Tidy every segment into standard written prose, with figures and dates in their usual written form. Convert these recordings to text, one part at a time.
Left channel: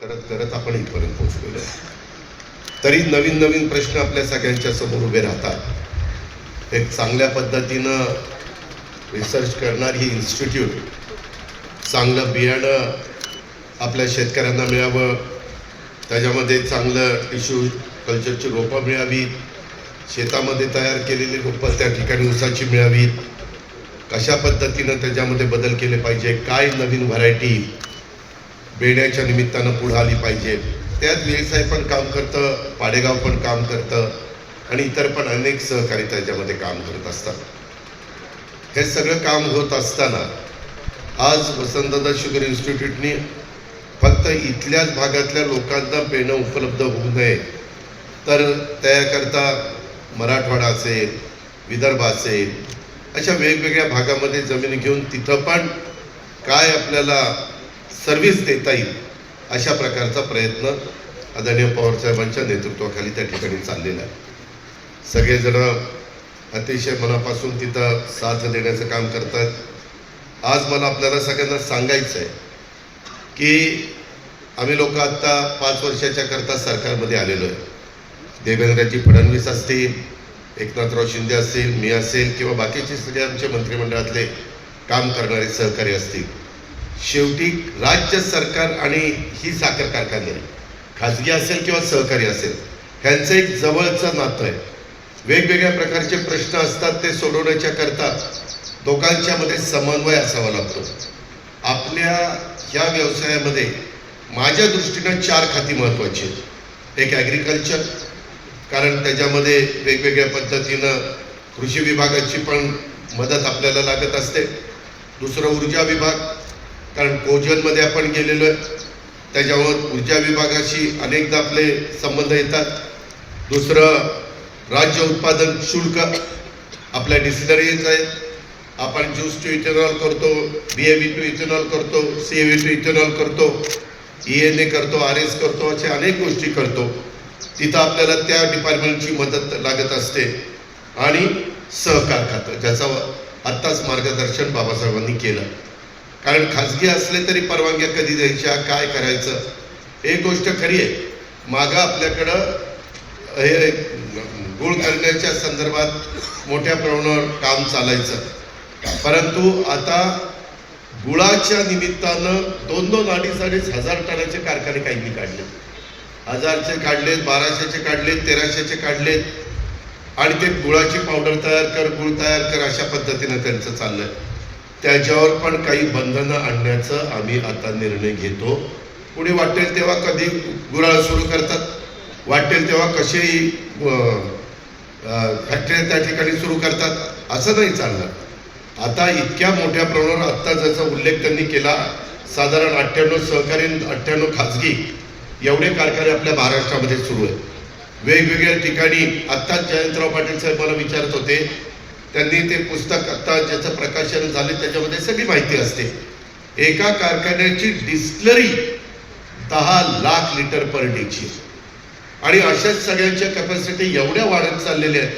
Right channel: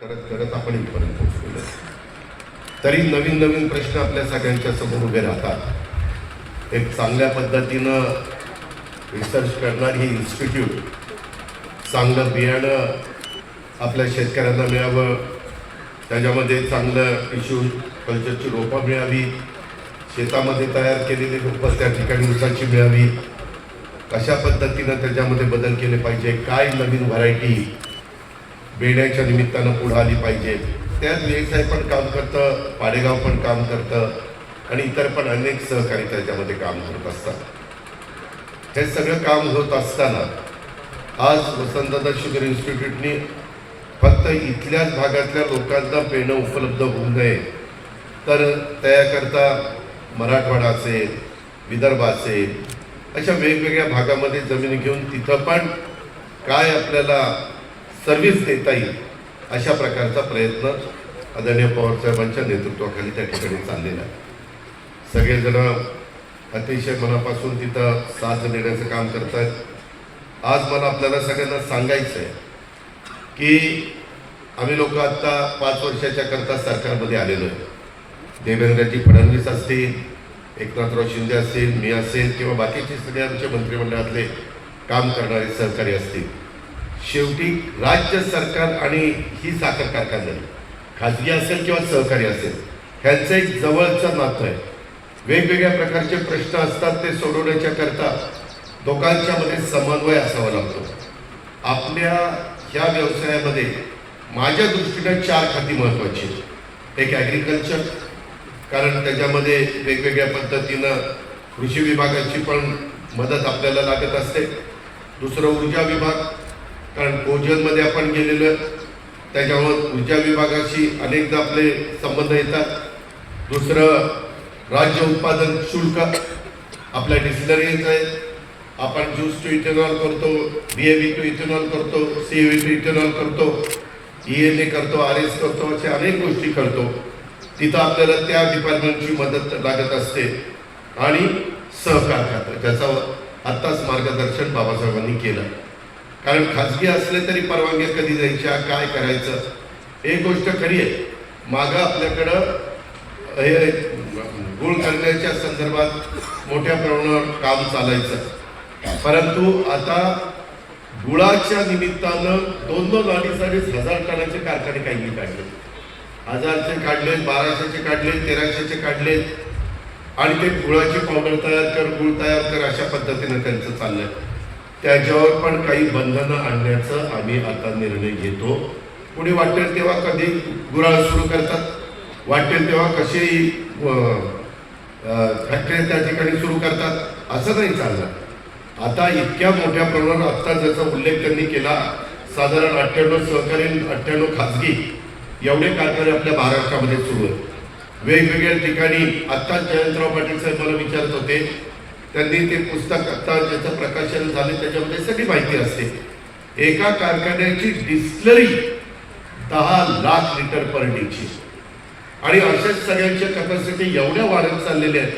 करत करत आपण इथपर्यंत पोहोचलेलो. तरी नवीन नवीन प्रश्न आपल्या सगळ्यांच्या समोर उभे राहतात. एक चांगल्या पद्धतीनं रिसर्च करणारी इन्स्टिट्यूट, चांगलं बियाणं आपल्या शेतकऱ्यांना मिळावं, त्याच्यामध्ये चांगलं टिश्यू कल्चरची रोपं मिळावी, शेतामध्ये तयार केलेली रोपं त्या ठिकाणी ऊसाची मिळावी, कशा पद्धतीनं त्याच्यामध्ये बदल केले पाहिजे, काय नवीन व्हरायटी बेण्याच्या निमित्तानं पुढे आली पाहिजे. त्यात व्यवसाय पण काम करतं, पाडेगाव पण काम करतं आणि इतर पण अनेक सहकारी त्याच्यामध्ये काम करत असतात. हे सगळं काम होत असताना आज वसंतदादा शुगर इन्स्टिट्यूटनी फक्त इथल्याच भागातल्या लोकांना बेणं उपलब्ध होऊ नये तर त्याकरता मराठवाडा असेल, विदर्भ असेल, अशा वेगवेगळ्या भागामध्ये जमीन घेऊन तिथं पण काय आपल्याला सर्व्हिस देता येईल अशा प्रकारचा प्रयत्न आदरणीय पवारसाहेबांच्या नेतृत्वाखाली त्या ठिकाणी चाललेला आहे. सगळेजण अतिशय मनापासून तिथं साथ देण्याचं काम करतात. आज मला आपल्याला सगळ्यांना सांगायचं आहे की आम्ही लोक आत्ता 5 वर्षाच्या करता सरकारमध्ये आलेलो आहे. देवेंद्रजी फडणवीस असतील, एकनाथराव शिंदे असतील, मी असेल किंवा बाकीचे सगळे आमच्या मंत्रिमंडळातले काम करणारे सहकारी असतील. शेवटी राज्य सरकार आणि ही साखर कारखानदारी खाजगी असेल किंवा सहकारी असेल ह्यांचं एक जवळचं नातं आहे. वेगवेगळ्या प्रकारचे प्रश्न असतात, ते सोडवण्याच्या करता दोघांच्या मध्ये समन्वय असावा लागतो. आपल्या ह्या व्यवसायामध्ये माझ्या दृष्टीनं 4 खाती महत्त्वाची आहेत. एक ॲग्रिकल्चर, कारण त्याच्यामध्ये वेगवेगळ्या पद्धतीनं कृषी विभागाची पण मदत आपल्याला लागत असते. दुसरं ऊर्जा विभाग, कारण कोजनमध्ये आपण गेलेलो आहे, त्याच्यामुळे ऊर्जा विभागाशी अनेकदा आपले संबंध येतात. दुसरं राज्य उत्पादन शुल्क, आपल्या डिस्टिलरीज आहेत, आपण ज्यूस टू इथेनॉल करतो, BAB टू इथेनॉल करतो, CAV टू इथेनॉल करतो, ENA करतो, RS करतो, अशा अनेक गोष्टी करतो. तिथं आपल्याला त्या डिपार्टमेंटची मदत लागत असते. आणि सहकार खातं, ज्याचं आत्ताच मार्गदर्शन बाबासाहेबांनी केलं. कारण खाजगी असले तरी परवानग्या कधी द्यायच्या, काय करायचं, एक गोष्ट खरी आहे. मागं आपल्याकडं हे गुळ करण्याच्या संदर्भात मोठ्या प्रमाणावर काम चालायचं, परंतु आता गुळाच्या निमित्तानं 2-2, 2.5 हजार टनाचे कारखाने काही काढले, 1000चे काढलेत, 1200चे काढलेत, 1300चे काढलेत आणि ते गुळाची पावडर तयार कर, गुळ तयार कर, अशा पद्धतीने त्यांचं चाललंय. त्याच्यावर पण काही बंधनं आणण्याचं आम्ही आता निर्णय घेतो. पुढे वाटेल तेव्हा कधी गुराळ सुरू करतात, वाटेल तेव्हा कसेही फॅक्टरी त्या ठिकाणी सुरू करतात, असं नाही चाललं. आता इतक्या मोठ्या प्रमाणावर आत्ता ज्याचा उल्लेख त्यांनी केला, साधारण 98 सहकारी, 98 खाजगी एवढे कारखाने आपल्या महाराष्ट्रामध्ये सुरू आहेत. वेगवेगळ्या ठिकाणी आत्ताच जयंतराव पाटील साहेब मला विचारत होते, त्यांनी ते पुस्तक आता ज्याचं प्रकाशन झाले त्याच्यामध्ये सगळी माहिती असते. एका कारखान्याची डिस्टिलरी 10 लाख लिटर पर डेची, आणि अशाच सगळ्यांच्या कॅपॅसिटी एवढ्या वाढत चाललेल्या आहेत.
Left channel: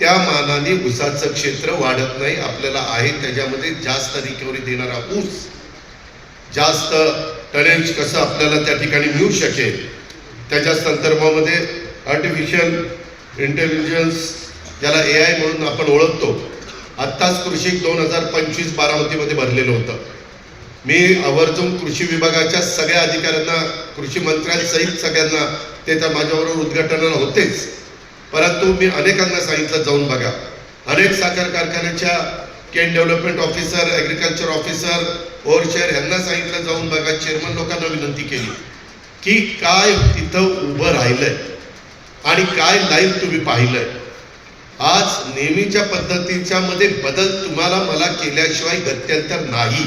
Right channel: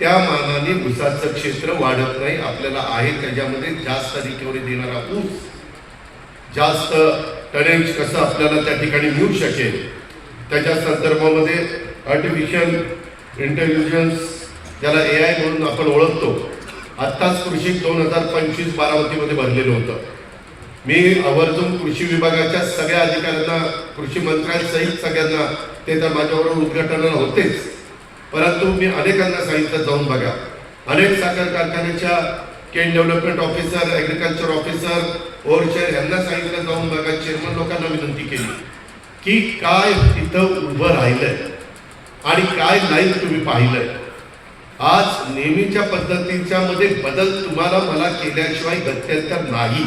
त्या मानाने ऊसाचं क्षेत्र वाढत नाही. आपल्याला आहे त्याच्यामध्ये जास्त रिकव्हरी देणारा ऊस, जास्त टनेज कसं आपल्याला त्या ठिकाणी मिळू शकेल त्याच्या संदर्भामध्ये आर्टिफिशियल इंटेलिजन्स, ज्याला AI म्हणून आपण ओळखतो, आत्ताच कृषी 2025 बारामतीमध्ये भरलेलं होतं. मी आवर्जून कृषी विभागाच्या सगळ्या अधिकाऱ्यांना, कृषी मंत्र्यांसहित सगळ्यांना, ते तर माझ्याबरोबर उद्घाटनाला होतेच, परंतु मी अनेकांना सांगितलं जाऊन बघा. अनेक साखर कारखान्याच्या केन डेव्हलपमेंट ऑफिसर, ॲग्रिकल्चर ऑफिसर, ओव्हरशेअर यांना सांगितलं जाऊन बघा. चेअरमन लोकांना विनंती केली की काय तिथं उभं राहिलंय आणि काय लाईन तुम्ही पाहिलंय. आज नेहमीच्या पद्धतीच्या मध्ये बदल तुम्हाला मला केल्याशिवाय गत्यंतर नाही.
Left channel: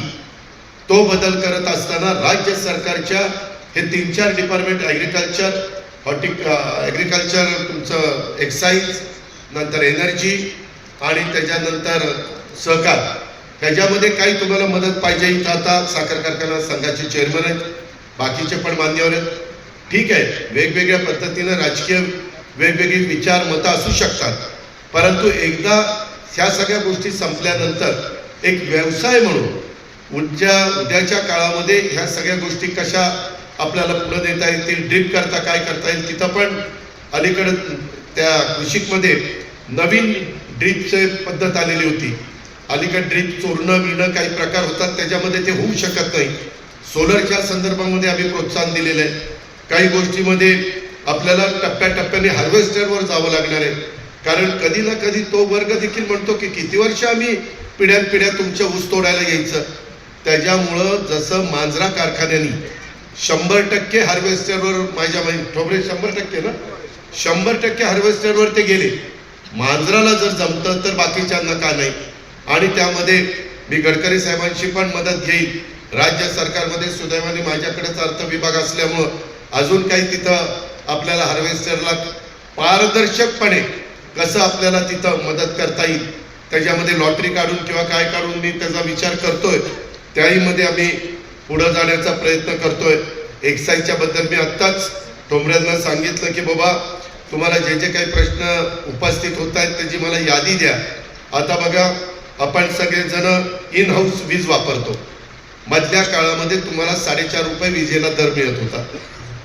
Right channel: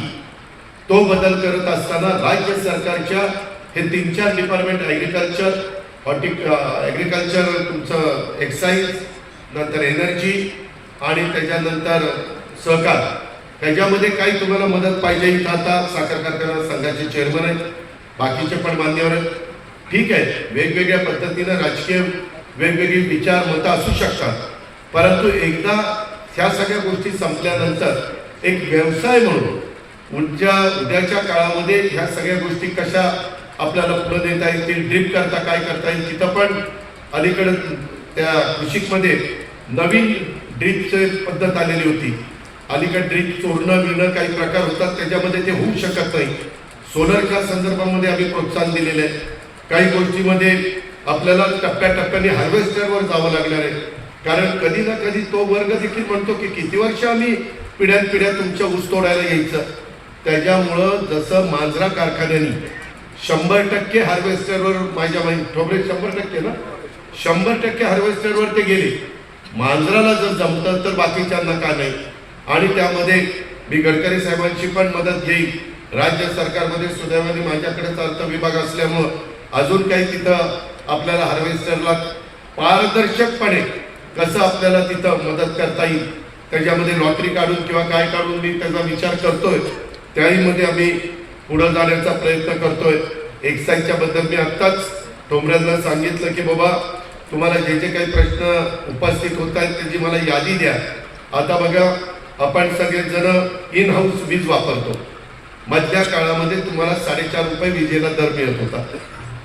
तो बदल करत असताना राज्य सरकारच्या हे 3-4 डिपार्टमेंट, ॲग्रिकल्चर, ॲग्रिकल्चर, तुमचं एक्साईज, नंतर एनर्जी आणि त्याच्यानंतर सहकार, त्याच्यामध्ये काही तुम्हाला मदत पाहिजे का? आता साखर कारखाना संघाचे चेअरमन आहेत, बाकीचे पण मान्यवर आहेत. ठीक आहे, वेगवेगळ्या पद्धतीनं राजकीय वेगवेगळी विचार मतं असू शकतात, परंतु एकदा ह्या सगळ्या गोष्टी संपल्यानंतर एक व्यवसाय म्हणून उद्याच्या काळामध्ये ह्या सगळ्या गोष्टी कशा आपल्याला फुलं देता येतील, ड्रिप करता काय करता येईल तिथं पण अलीकडे त्या कृषीमध्ये नवीन ड्रिपची पद्धत आलेली होती. अलीकडे ड्रिप चोरणं बिणं काही प्रकार होतात, त्याच्यामध्ये ते होऊ शकत नाही. सोलरच्या संदर्भामध्ये आम्ही प्रोत्साहन दिलेलं आहे. काही गोष्टीमध्ये आपल्याला टप्प्याटप्प्याने हार्वेस्टरवर जावं लागणार आहे, कारण कधी ना कधी तो वर्ग देखील म्हणतो की किती वर्ष आम्ही पिढ्यानपिढ्या तुमच्या ऊस तोडायला यायचं. त्याच्यामुळं जसं मांजरा कारखान्याने 100% हार्वेस्टरवर, माझ्या ठोबरे 100% ना, 100% हार्वेस्टरवर ते गेले. मांजराला जर जमतं तर बाकीच्यांना का नाही. आणि त्यामध्ये मी गडकरी साहेबांची पण मदत घेईल. राज्य सरकारमध्ये सुदैवाने माझ्याकडेच अर्थ विभाग असल्यामुळं अजून काही तिथं आपल्याला हार्वेस्टरला पारदर्शकपणे कसं आपल्याला तिथं मदत करता येईल, त्याच्यामध्ये लॉटरी काढून किंवा काय काढून मी त्याचा विचार करतोय. त्याहीमध्ये आम्ही पुढे जाण्याचा प्रयत्न करतोय. एक्साईजच्या बद्दल मी आत्ताच ठोंबऱ्यांना सांगितलं की बाबा तुम्हाला जे जे काही प्रश्न उपस्थित होत आहेत त्याची मला यादी द्या. आता बघा, आपण सगळेजण इन हाऊस वीज वापरतो. मधल्या काळामध्ये तुम्हाला 4.5 रुपये विजेला दर मिळत होता.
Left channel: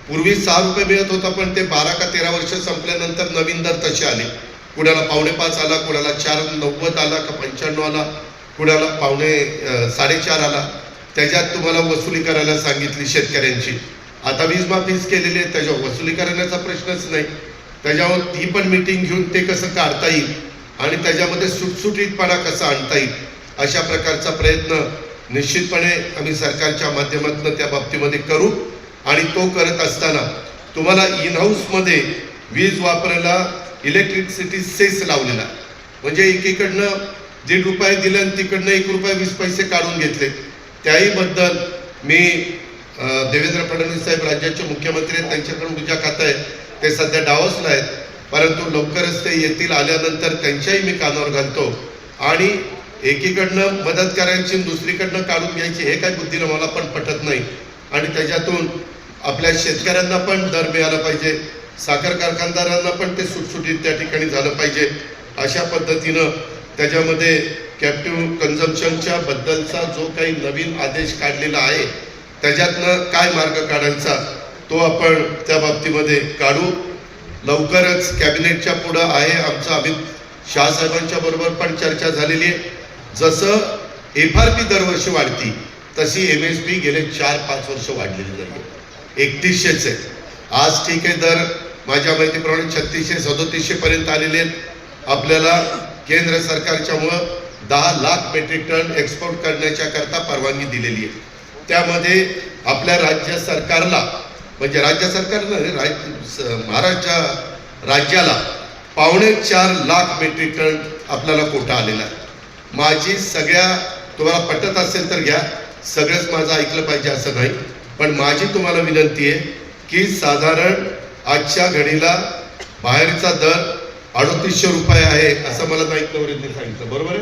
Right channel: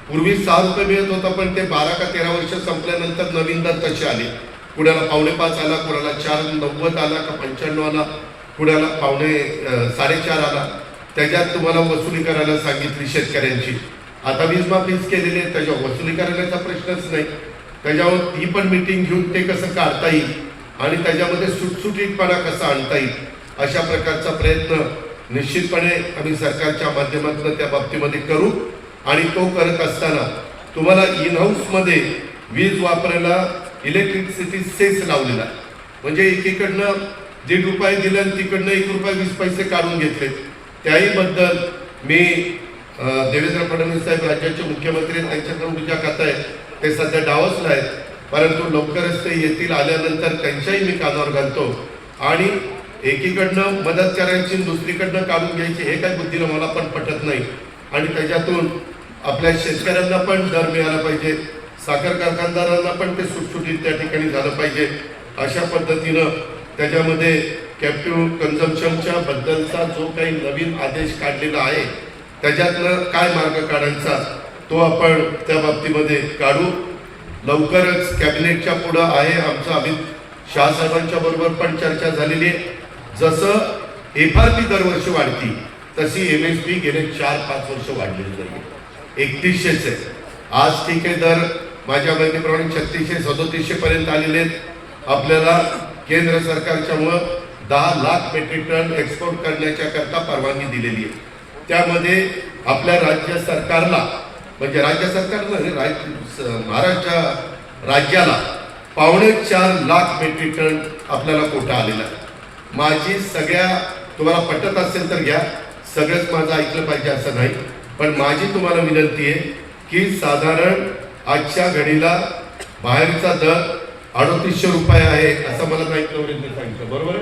पूर्वी 6 रुपये मिळत होता, पण ते 12 का 13 वर्ष संपल्यानंतर नवीन दर तसे आले. कुणाला 5.5 आला, कुणाला 4.90 आला का 95 आला, कुणाला 4.5 आला. त्याच्यात तुम्हाला वसुली करायला सांगितली शेतकऱ्यांची. आता वीज माफीच केलेली आहे, त्याच्यावर वसुली करण्याचा प्रश्नच नाही. त्याच्यावर ती पण मीटिंग घेऊन ते कसं काढता येईल आणि त्याच्यामध्ये सुटसुटीतपणा कसा आणता येईल, अशा प्रकारचा प्रयत्न निश्चितपणे आम्ही सरकारच्या माध्यमातून त्या बाबतीमध्ये करू. आणि तो करत असताना तुम्हाला इन हाऊसमध्ये वीज वापरायला इलेक्ट्रिसिटी सेस लावलेला, म्हणजे एकीकडनं 1.5 रुपये दिले आणि तिकडनं 1 रुपया 20 पैसे काढून घेतले. त्याही बद्दल मी देवेंद्र फडणवीस साहेब राज्याचे मुख्यमंत्री आहेत, त्यांच्याकडून उद्या खातं आहे, ते सध्या डावसला आहेत, परंतु लवकरच ते येतील. आल्यानंतर त्यांच्याही मी कानावर घालतो. आणि एकीकडनं मदत करायची दुसरीकडनं काढून घ्यायची हे काय बुद्धीनं मला पण पटत नाही. आणि त्याच्यातून आपल्या शेतकऱ्यांना पण दर मिळाला पाहिजे, साखर कारखानदारांना पण ते सुटसुटीत त्या ठिकाणी झालं पाहिजे. अशा पद्धतीनं त्याच्यामध्ये कॅप्टिव्ह कन्झम्पशनच्या बद्दलचा जो काही नवीन आदेश काढलेला आहे त्याच्यातनं काय मार्ग काढायचा तो आपण त्या बाबतीमध्ये काढू. लवकरच कॅबिनेटच्या पुढं आहे आमचं अमित शाह साहेबांच्या बरोबर पण चर्चा झालेली आहे. जसं FRP दरवर्षी वाढती तशी MSP गेले 4-5 वर्ष वाढलेली नाही. 3100 आहे आज, ठीक आहे. दर माझ्या माहितीप्रमाणे 3600-3700 पर्यंत आलेले आहेत. आपल्याला केंद्र सरकारच्यामुळं 10 लाख मेट्रिक टन एक्सपोर्ट करण्याच्या करता परवानगी दिलेली आहे. त्यामध्ये आपल्या राज्य सरकारला, म्हणजे राज्य सरकारला महाराष्ट्र राज्याला 4.25 लाख मेट्रिक टन आपल्याला कोटा आलेला आहे. माझी सगळ्या, तुम्हाला पटत असेल तर घ्या, सगळंच माझं ऐकलं पाहिजे असं नाही, पण माझी तुम्हाला विनंती आहे की साधारण आजच्या घडीला बाहेरचा दर 3800 रुपये आहे असं मला माहित नव्हतं, सांगितलं बरोबर.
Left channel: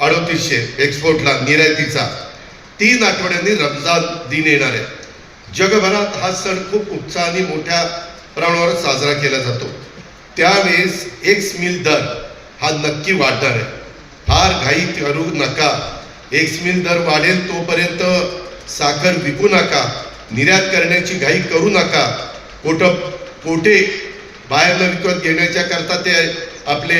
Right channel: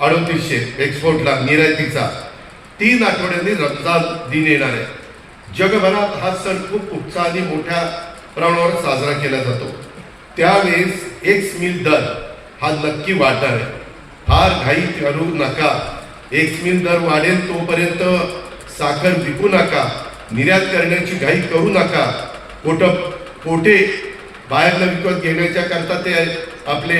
3800 एक्सपोर्टला निर्यातीचा. 3 आठवड्यांनी रमजान दिन येणार आहे. जगभरात हा सण खूप उत्साहाने मोठ्या प्रमाणावर साजरा केला जातो. त्यावेळेस एक्स मिल दर हा नक्की वाढणार आहे. फार घाई करू नका. एक्स मिल दर वाढेल तोपर्यंत साखर विकू नका, निर्यात करण्याची घाई करू नका. कोठे बाहेरनं विकत घेण्याच्या करता ते आपले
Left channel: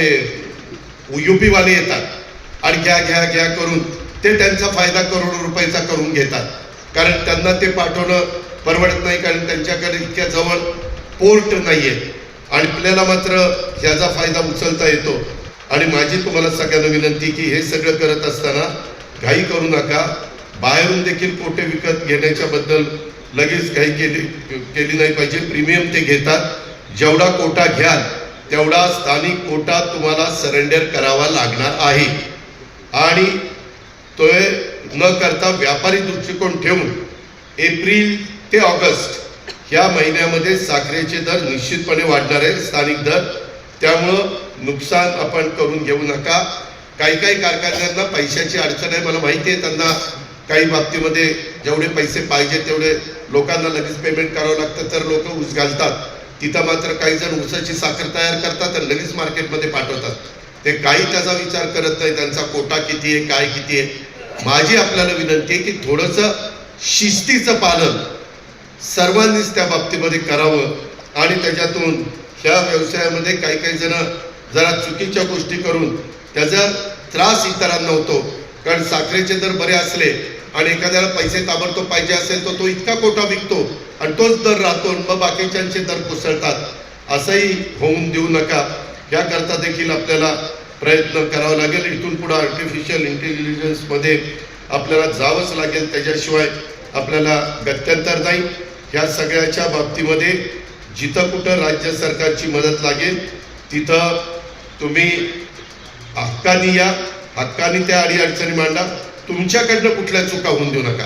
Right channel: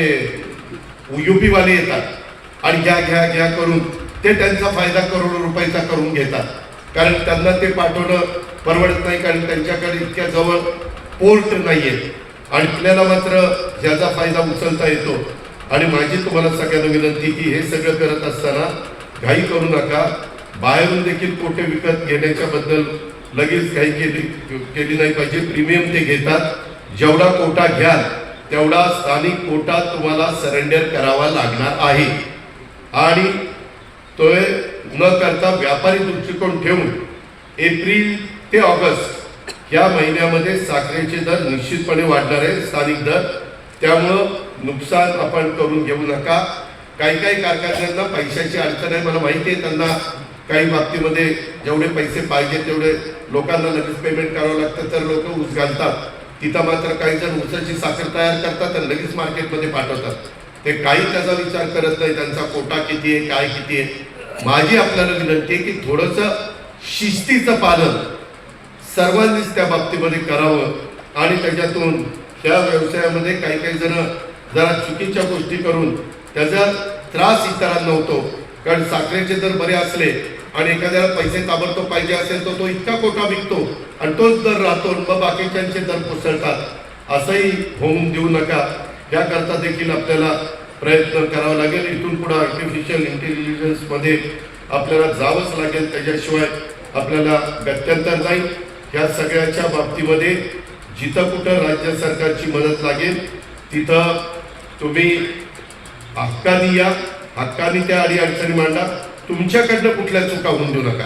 UP वाले येतात आणि घ्या घ्या घ्या करून ते त्यांचा फायदा करोडो रुपयाचा करून घेतात, कारण त्यांना ते पाठवणं परवडत नाही, कारण त्यांच्याकडे इतक्या जवळ पोर्ट नाहीये आणि आपल्याला मात्र ह्याचा फायदा उचलता येतो. आणि माझी तुम्हाला सगळ्यांना विनंती की हे सगळं करत असताना घाई करू नका. बाहेरून देखील कोटे विकत घेण्याच्या बद्दल लगेच घाई केली नाही पाहिजे. प्रीमियम ते घेतात. जेवढा कोटा घ्याल तेवढा स्थानिक कोटा तुम्हाला सरेंडर करावा लागणार आहे. आणि तो न करता व्यापारी दृष्टिकोन ठेवून एप्रिल ते ऑगस्ट या महिन्यामध्ये साखरेचे दर निश्चितपणे वाढणार आहे, स्थानिक दर. त्यामुळं नुकसान आपण करून घेऊ नका. काही कारखान्यांना पैशाची अडचण आहे, मला माहिती आहे. त्यांना काही बाबतीमध्ये जेवढे पैसे पाहिजे तेवढे लोकांना लगेच पेमेंट करावं लागतं, तर लोक ऊस घालतात. तिथं मात्र काही जण ऊसाची साखर तयार करतात आणि लगेच मार्केटमध्ये पाठवतात. ते काही त्याचा विचार करत नाही, त्यांचा कोटा किती आहे, काय किती आहे. माझी आपल्याला विनंती आहे की थोडंसं शिस्तीचं पालन सर्वांनीच त्या बाबतीमध्ये करावं आणि त्याच्यातून ह्या व्यवसायामध्ये काही काही जण जरा चुकीच्या गोष्टी करून त्याचा त्रास इतरांना होतो. कारण साखरेचे दर बरे असले आणि एखाद्याला पैसे ताबडतोब पाहिजे असेल तर तो इतका कोटा विकतो आणि तोच दर राहतो, मग बाकीच्यांचे दर कोसळतात. असंही होऊन देऊ नका. याकरता देखील आपल्याला प्रयत्न करावा लागेल. इथून पुढे आर्टिफिशियल इंटेलिजन्समध्ये आपल्याला जावंच लागेल, त्याच्याशिवाय आपल्याला गत्यंतर नाही. ह्या सगळ्याच्या बाबतीमध्ये जिथं कुठं राज्य सरकारची मदत लागेल तिथं तुम्ही हक्कानी या, हक्कानी त्या अडीअडचणी मांडा. तुमच्याकडनं कुठल्या चुका होऊन देऊ नका.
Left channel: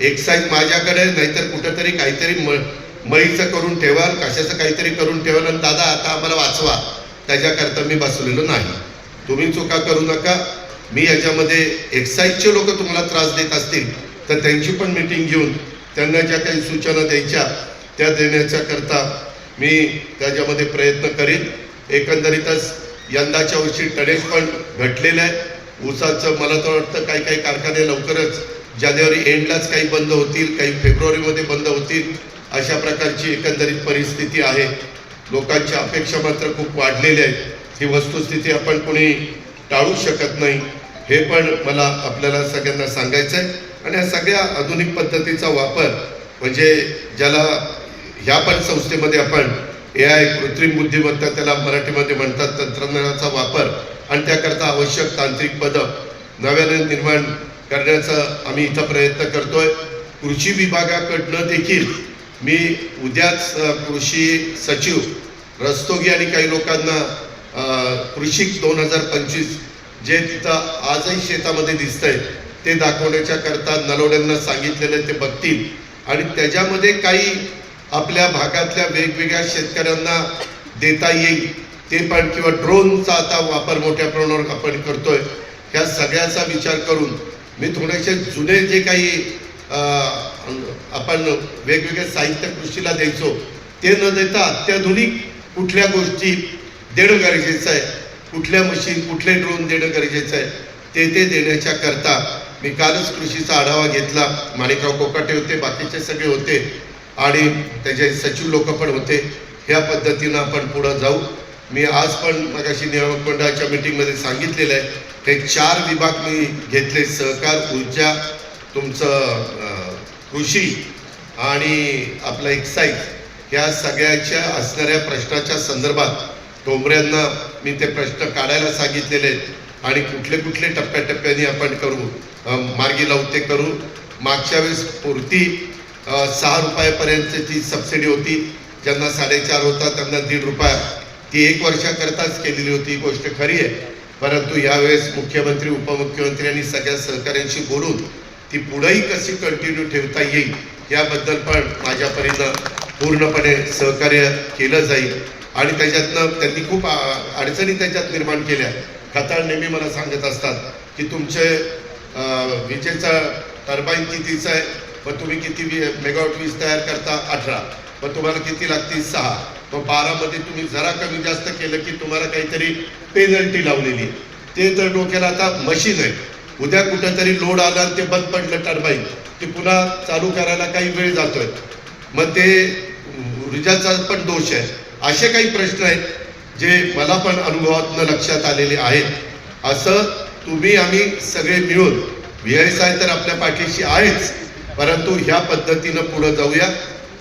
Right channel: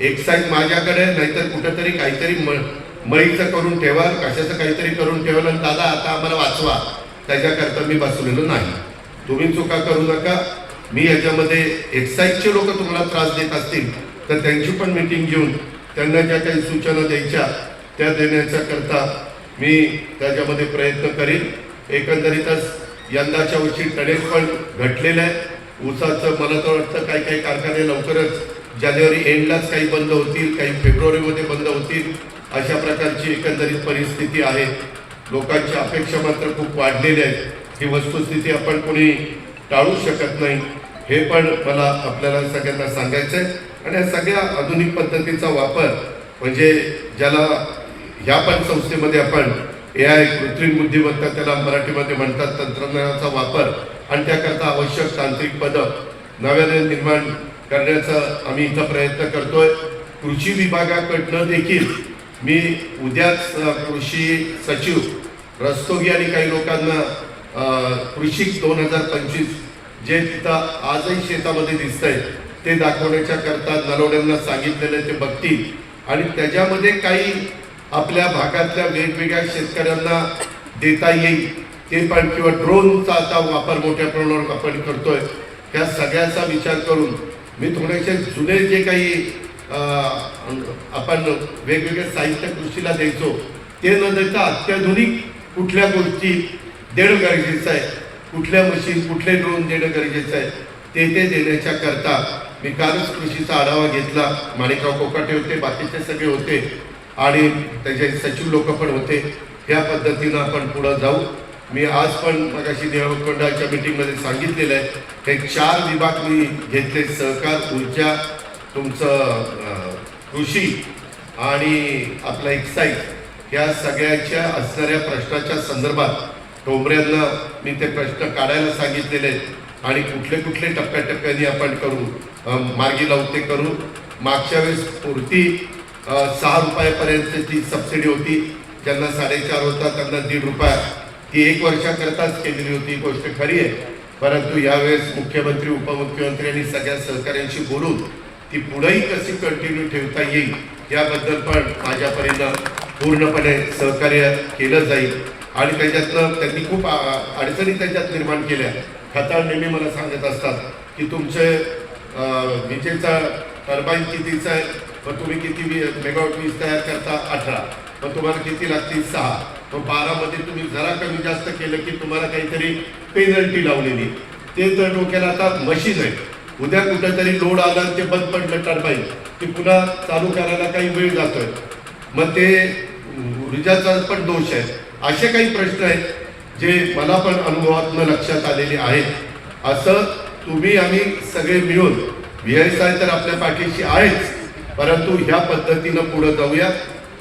एक्साईज माझ्याकडे नाहीतर कुठंतरी काहीतरी मळीचं करून ठेवाल, कशाचं काहीतरी करून ठेवाल आणि दादा आता आम्हाला वाचवा, त्याच्याकरता मी बसवलेलो नाही. तुम्ही चुका करू नका. मी याच्यामध्ये एक्साईजचे लोक तुम्हाला त्रास देत असतील तर त्यांची पण मीटिंग घेऊन त्यांना ज्या काही सूचना द्यायच्या त्या देण्याच्या करता मी त्याच्यामध्ये प्रयत्न करेन. एकंदरीतच यंदाच्या वर्षी टनेज पण घटलेलं आहे. ऊसाचं मला तर वाटतं काही काही कारखाने लवकरच जानेवारी एंडलाच काही बंद होतील, काही फेब्रुवारीमध्ये बंद होतील, अशा प्रकारची एकंदरीत परिस्थिती आहे. लोकांच्या अपेक्षा मात्र खूप वाढलेल्या आहेत. ही वस्तुस्थिती आपण कोणी टाळू शकत नाही, हे पण मला आपल्याला सगळ्यांना सांगायचं आहे. आणि या सगळ्या आधुनिक पद्धतीचा वापर म्हणजे ज्याला ह्या पण संस्थेमध्ये आपण AI कृत्रिम बुद्धिमत्ता त्याला मराठीमध्ये म्हणतात, तंत्रज्ञानाचा वापर आणि त्याकरता आवश्यक तांत्रिक मदत नव्याने निर्माण करण्याचा आम्ही इथं प्रयत्न करतोय. कृषी विभागाकडनं देखील मी उद्याच कृषी सचिव रस्तोगी आणि काही लोकांना कृषी 2025 जे तिथं आजही शेतामध्ये दिसतंय ते दाखवण्याच्या करता नलवड्यांना सांगितलेले ते बघतील आणि त्याच्यामध्ये काही आपल्या भागातल्या वेगवेगळ्या शेतकऱ्यांना देता येईल ते पण, किंवा ड्रोनचा आता वापर मोठ्या प्रमाणावर आपण करतोय. ह्या सगळ्याचा विचार करून मी थोडेसे जुने जे काही आपण वेगवेगळे साहित्य कृषीला द्यायचो ते न देता अत्याधुनिक कुठल्या गोष्टी देणं गरजेचं आहे, कुठल्या मशीन कुठले ड्रोन देणं गरजेचं आहे ते देण्याच्या करता मी कालच कृषीचा आढावा घेतला. माणिकराव कोकाटे होते, बाकीचे सगळे होते आणि त्याचे सचिव लोक पण होते. ह्या पद्धतीनं आपण पुढे जाऊ. मी आज पण मगाशी नियामक मंडळाच्या मीटिंगमध्ये सांगितलेलं आहे हे 4 विभाग मी घेतले, सहकार, ऊर्जा, तुमचं कृषी आणि आपला एक्साईज, ह्या सगळ्याच्या असणाऱ्या प्रश्नाच्या संदर्भात टोंबऱ्यांना मी ते प्रश्न काढायला सांगितलेले आहेत आणि कुठले कुठले टप्प्याटप्प्याने आपण करू मार्गी लावू ते करू. मागच्या वेळेस पुरती 6 रुपयापर्यंतची सबसिडी होती, ज्यांना 4.5 होता त्यांना 1.5 रुपया, ती 1 वर्षाकरताच केलेली होती. ही गोष्ट खरी आहे, परंतु यावेळेस मुख्यमंत्री उपमुख्यमंत्री आणि सगळ्या सहकाऱ्यांशी बोलून ती पुढेही कशी कंटिन्यू ठेवता येईल याबद्दल पण माझ्यापर्यंत पूर्णपणे सहकार्य केलं जाईल. आणि त्याच्यातनं त्यांनी खूप अडचणी त्याच्यात निर्माण केल्या. खताळ नेहमी मला सांगत असतात की तुमचे विजेचा टर्बाईन कितीचा आहे, मग तुम्ही किती मेगावॉट वीज तयार करता 18, मग तुम्हाला किती लागतील 6, मग 12 मध्ये तुम्ही जरा कमी जास्त केलं की तुम्हाला काहीतरी पेनल्टी लावलेली. ते जर डोक्याला आता मशीन आहे, उद्या कुठेतरी लोड आला आणि ते बंद पडलं टर्बाईन, ते पुन्हा चालू करायला काही वेळ जातोय, मग ते ऊर्जाचा पण दोष आहे. असे काही प्रश्न आहेत जे मला पण अनुभवातून लक्षात आलेले आहेत. असं तुम्ही आम्ही सगळे मिळून VSI तर आपल्या पाठीशी आहेच, परंतु ह्या पद्धतीनं पुढे जाऊया.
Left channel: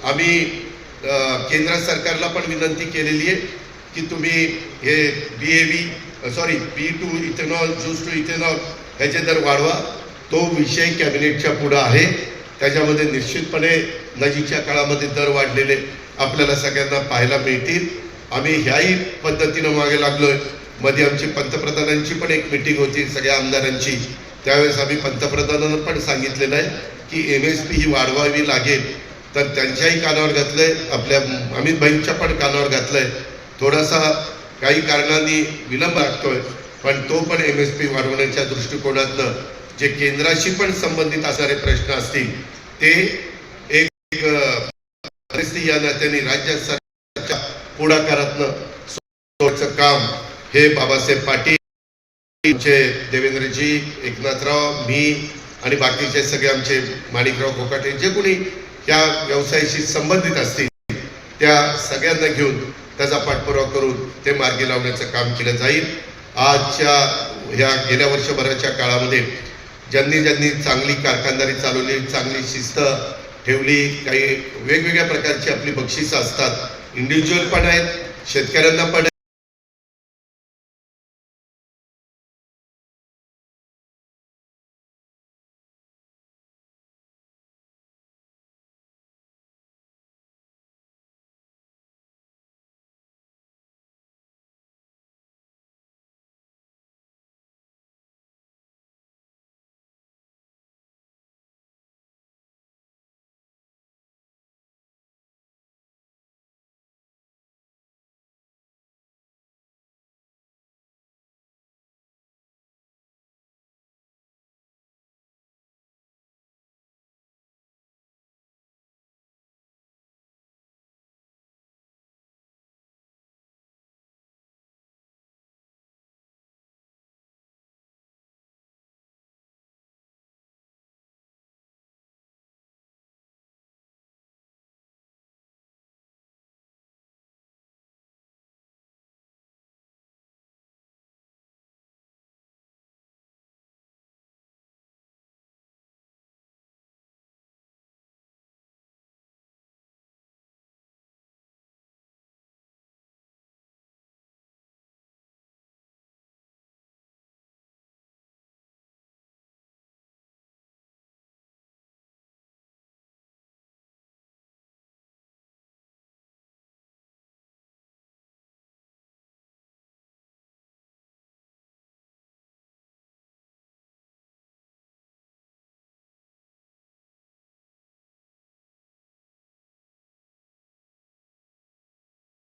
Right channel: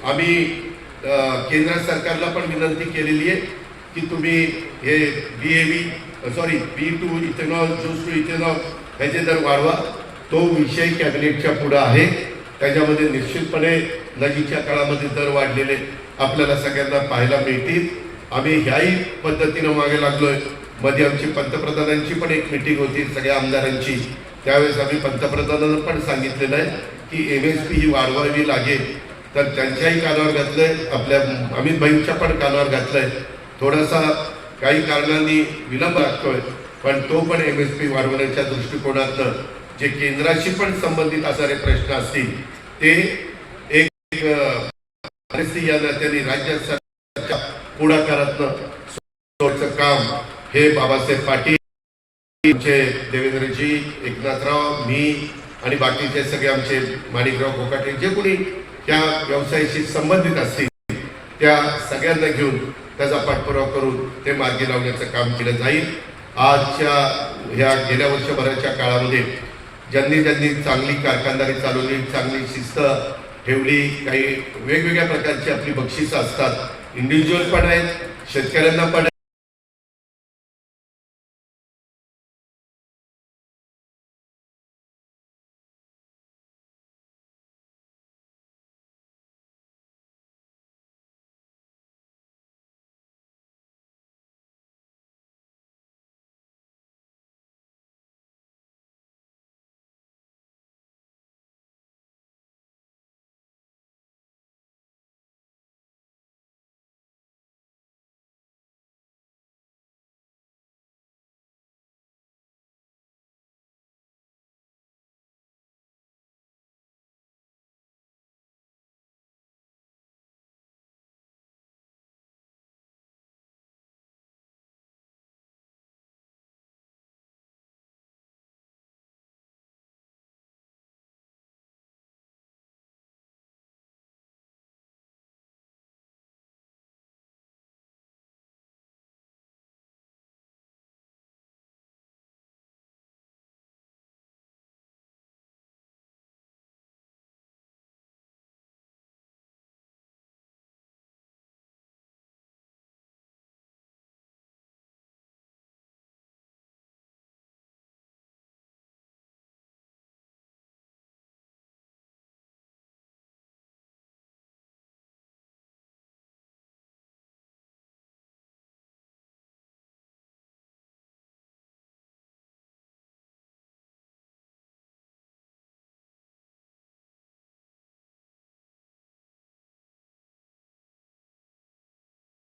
आम्ही केंद्र सरकारला पण विनंती केलेली आहे की तुम्ही हे B2 ethanol, juice to ethanol ह्याचे दर वाढवा. तो विषय कॅबिनेटच्या पुढे आहे. त्याच्यामध्ये निश्चितपणे नजीकच्या काळामध्ये दर वाढलेले आपल्याला सगळ्यांना पाहायला मिळतील. आम्ही ह्याही पद्धतीनं मागे लागलोय. मध्ये आमची पंतप्रधानांची पण एक मीटिंग होती सगळ्या आमदारांची, त्यावेळेस आम्ही पंतप्रधानांना पण सांगितलेलं आहे की MSP ही वाढवावी लागेल. तर त्यांच्याही कानावर घातलंय, आपल्या अमित भाईंच्या पण कानावर घातलंय. थोडासा काही कारणांनी विलंब लागतोय, पण तो पण MSP वाढवण्याच्या दृष्टिकोनातनं जे केंद्राशी पण संबंधित असणारे प्रश्न असतील ते एक या नात्याने राज्य सरकारच्या पुढाकारातनं काम हे बाबासाहेब पाटील, आमचे देवेंद्रजी, एकनाथराव, मी आणि बाकीचे सगळे आमचे माणिकराव कोकाटे जे कोणी ह्या व्यवसायाशी संबंधित असतील त्या सगळ्यांना घेऊन त्याचा पाठपुरावा करून ते मार्गी लावण्याचं काम केलं जाईल. आजच्या ह्या गेल्या वर्षभराच्या काळामध्ये ज्यांनी चांगली कारखानदारी चालवली, चांगली शिस्त ठेवली, काही वेगवेगळ्या प्रकारची आपली बक्षिसं असतात, इंडिव्हिज्युअल पण आहेत, शेतकऱ्यांना पण